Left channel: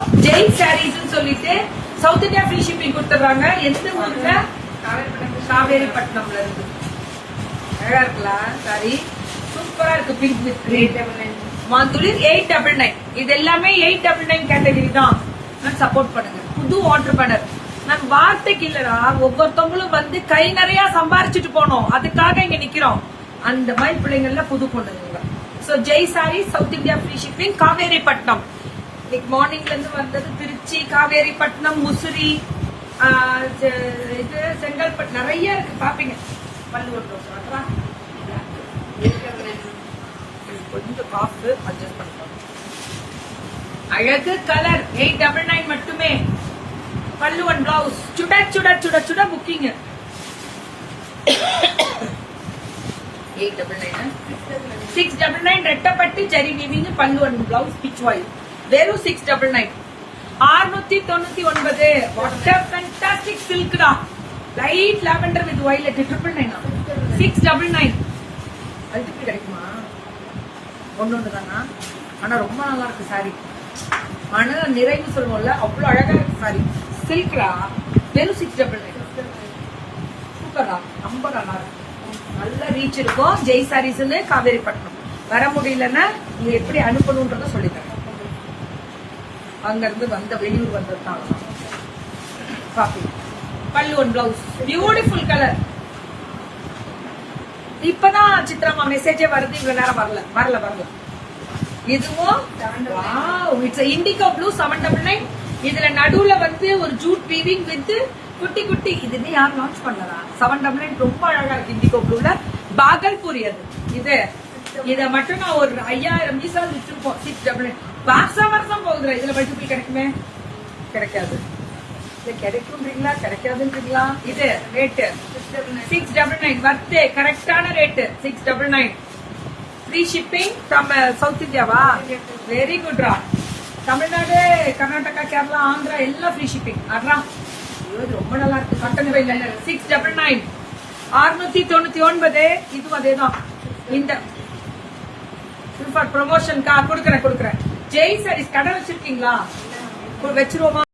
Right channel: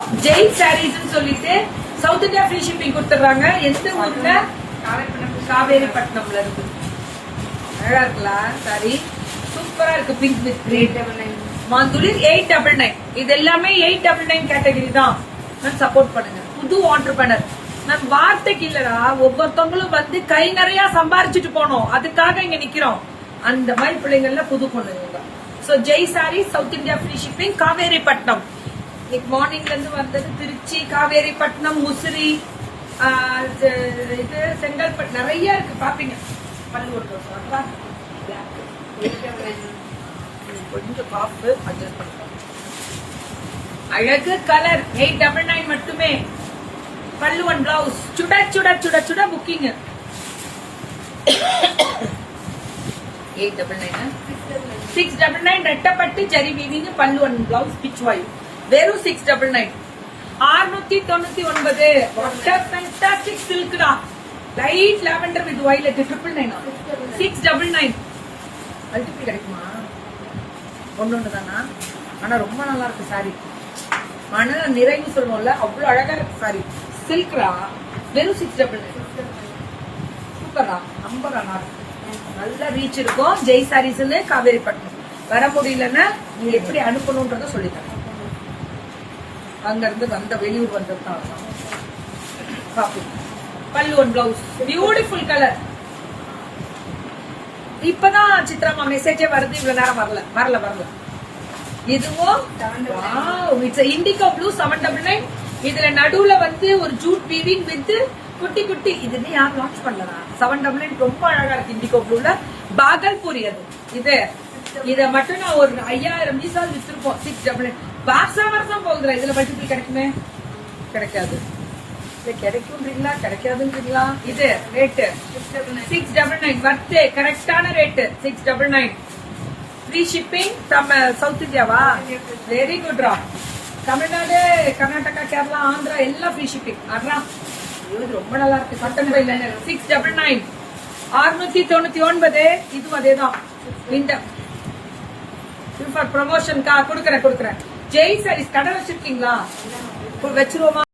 ஜெய் சாரீஸ் சொல்லிட்டு south India free shipping கொடுத்துறாங்க. எந்த ஊர்ல? காவேரிப்பட்டினம்ல இருந்து. அழகா இருக்கலாம் சாரி, சூப்பரா இருக்கு. Pink with green. மாந்துளி 899. இது எல்லாமே 899 கேட்டகரி தான். சப்போர்ட் பண்ணுங்க. புது ஆண்டர்பிரனர். நான் வார்த்தைக்கு இல்லடா, ஒவ்வொருத்தவங்களும் வந்து கை நிறைய சம்பாரிச்சுட்டு போனோம், அதுக்காக இங்க நிக்கிறோம். அந்த மாதிரி பிள்ளைங்கள்ல புது பொண்ணுங்க. So Jai sorry south India free shipping Kaveripattinam. இன்னைக்கு மார்னிங்ல இருந்து வந்தது திருச்சி, காவேரிப்பட்டினம், முசிறி, இது செங்கல்பட்டு நிறைய இருக்கு. பாப்பீங்க. பல்லூர் கொஞ்சம் காஃபு அட்ஜஸ்ட் பண்ணுங்க. அழகு கலர் 899 மட்டுமே. பல்லு ஒன் பிளவுஸ் சுட சுட சுட சுட புக்கிங். 899 699 ரெட்டப்பட்டு ஜரி வீவிங் பல்லு ஒன் பிளவுஸ் பிச் வாயு வெறும் 699. 699. வாட்டர் ஃபேண்டாஸ்டிக் சில்க் தான். Light lavender with violet 999. 699. Multiple கிடைக்குமா? ஒன்னு தானா? ஆனா ரொம்ப நல்லா இருக்கு சாரி. மன நிறைவு சொல்லுவோம்ல, அவ்வளவு அழகா இருக்கு சாரி. சில்க்ரா வெறும் 699. சூப்பரா, ரொம்ப நல்லா இருக்கு. நல்ல ரீச் இருக்கும். ஜெய் சாரீஸ் காவேரிப்பட்டினம். வர முடியலன்னா நீங்க எப்படி அனுப்பணும்ன்றத சொல்லித்தரேன். அங்க இருந்து வந்த வெளியூர் வந்ததுதான். பல்லு ஒன் பிளவுஸ் பியூட்டிஃபுல் கலர். இப்பதான் சித்ராமா மெசேஜே வருது. இவ்வளவு நேரம் வரல. இதுவும் இண்டிகோ ப்ளூ 799. இதுல நடுவுல வந்து ஒரு ஜூட் வீவிங் வித் குட்டி குட்டி. இது யார் லான்ச் பண்ணலா? 799 ரொம்ப அழகா இருக்கு. இண்டிகோ ப்ளூல பாகல்பூரி. அது இத மட்டும் நான் ஒரு 5000 பீஸாவது வச்சிருப்போம். 699 வருஷம் போகுதுல. இதுல மல்டிபிள் கிடைக்குமே? கிடைக்காது. கிடைக்கும்ன்றீங்களா கிடைக்காதுன்றீங்களா? இது ரேட்டு 699. வர்த்தே கரெக்டான rate 699. Free shipping from south இந்தியாவா? வெரி குட் ரா. தமிழ்நாடு, கர்நாடகா, கேரளா, ஆந்திரா எல்லாம் ஃப்ரீ ஷிப்பிங். அட்ரா ரொம்ப நல்லா இருக்கு. 699. 699. இதுவும் அதேதான். இந்த ப்ரமோஷன் கொடுக்கறேன். ஜெய் சாரீஸ் கடை வச்சிருக்கீங்களா? வச்சிருவோமா?